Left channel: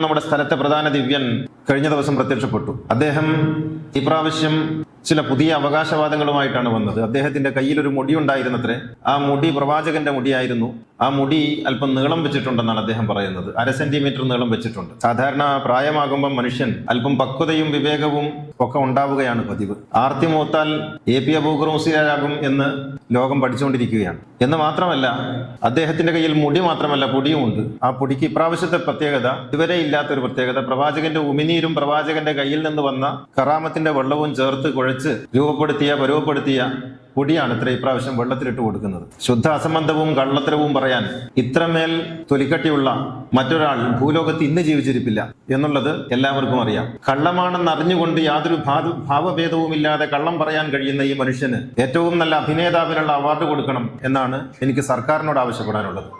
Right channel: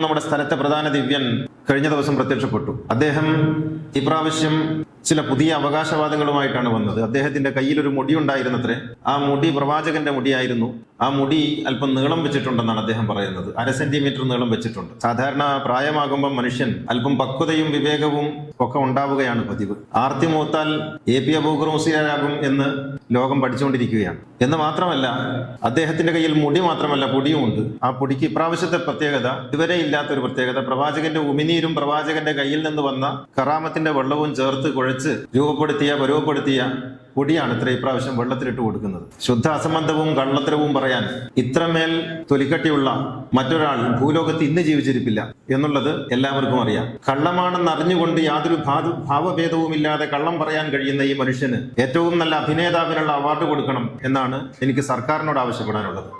നമ്മുടെ സ്ഥലത്തെ പ്രധാന ദിവ്യൻ കഴിഞ്ഞ ദിവസം പ്രത്യക്ഷപ്പെട്ടു. അദ്ദേഹം ഇപ്രാവശ്യം ചില പുതിയ അവകാശവാദങ്ങളുമായിട്ടാണ് വന്നത്. അദ്ദേഹത്തിന്റെ കയ്യിൽ ഒരു മുടി ഉണ്ടായിരുന്നത്രേ. ആ മുടി പ്രവാചകന്റെ മുടിയായിരുന്നു. ആ മുടി അല്പം നീളം വെച്ചിട്ടുണ്ടെന്നാണ് അദ്ദേഹം പറയുന്നത്. അര സെന്റിമീറ്റർ നീളം വെച്ചിട്ടുണ്ട്. സാധാരണ പ്രായമാകുമ്പോൾ മനുഷ്യൻ അല്പം പക്വതയും വിവേകവും ഒക്കെ ഉണ്ടാവുകയാണ് പതിവ്. ആർത്തി മൂത്താൽ എ പി അബൂക്കർ എന്ന് ലോകം പഠിച്ചുകൊണ്ടിരിക്കുകയാണ്. എന്ന് മാത്രമല്ല അദ്ദേഹത്തിന്റെ കയ്യിൽ മുടി മാത്രമല്ല പൊടിയും ഉണ്ട്. ആ പൊടിക്ക് ഇപ്രാവശ്യത്തെ പ്രത്യേകത ഇതുവരെ ഇല്ലാത്ത ഒരു പ്രത്യേകത പ്രവാചകന്റെ ഉമിനീരും പ്രവാചകന്റെ കയ്യിൽ നിന്ന് വന്ന കറാമത്തിന്റെ വെള്ളവും ചേർത്ത് കുഴച്ച് രൂപപ്പെടുത്തിയ പരുവപ്പെടുത്തിയ പൊടിയാണ് ഇത്ര ഇപ്രാവശ്യം വെള്ളത്തിലിട്ട് കൊടുക്കുന്നത്. ശുദ്ധ അസംബന്ധവും കള്ളത്തരവും പറയാൻ ഇത്രമേൽ തൊലിക്കട്ടിയുള്ള മറ്റൊരാൾ ഭൂലോകത്ത് ഇന്ന് ജീവിച്ചിരിപ്പില്ല എന്നുള്ളത് എല്ലാവർക്കും അറിയാം. കള്ളമാണെന്ന് അറിഞ്ഞുകൊണ്ട് യാതൊരു ഭാവഭേദവും ഇല്ലാതെ കള്ളം പറയാൻ കഴിയുന്ന ഈ മനുഷ്യന് ഏറ്റവും നല്ല അഭിനേതാവിനുള്ള അവാർഡ് കൊടുക്കണം എന്നാണ് എനിക്ക് സർക്കാരിനോട് ആവശ്യപ്പെടാനുള്ളത്.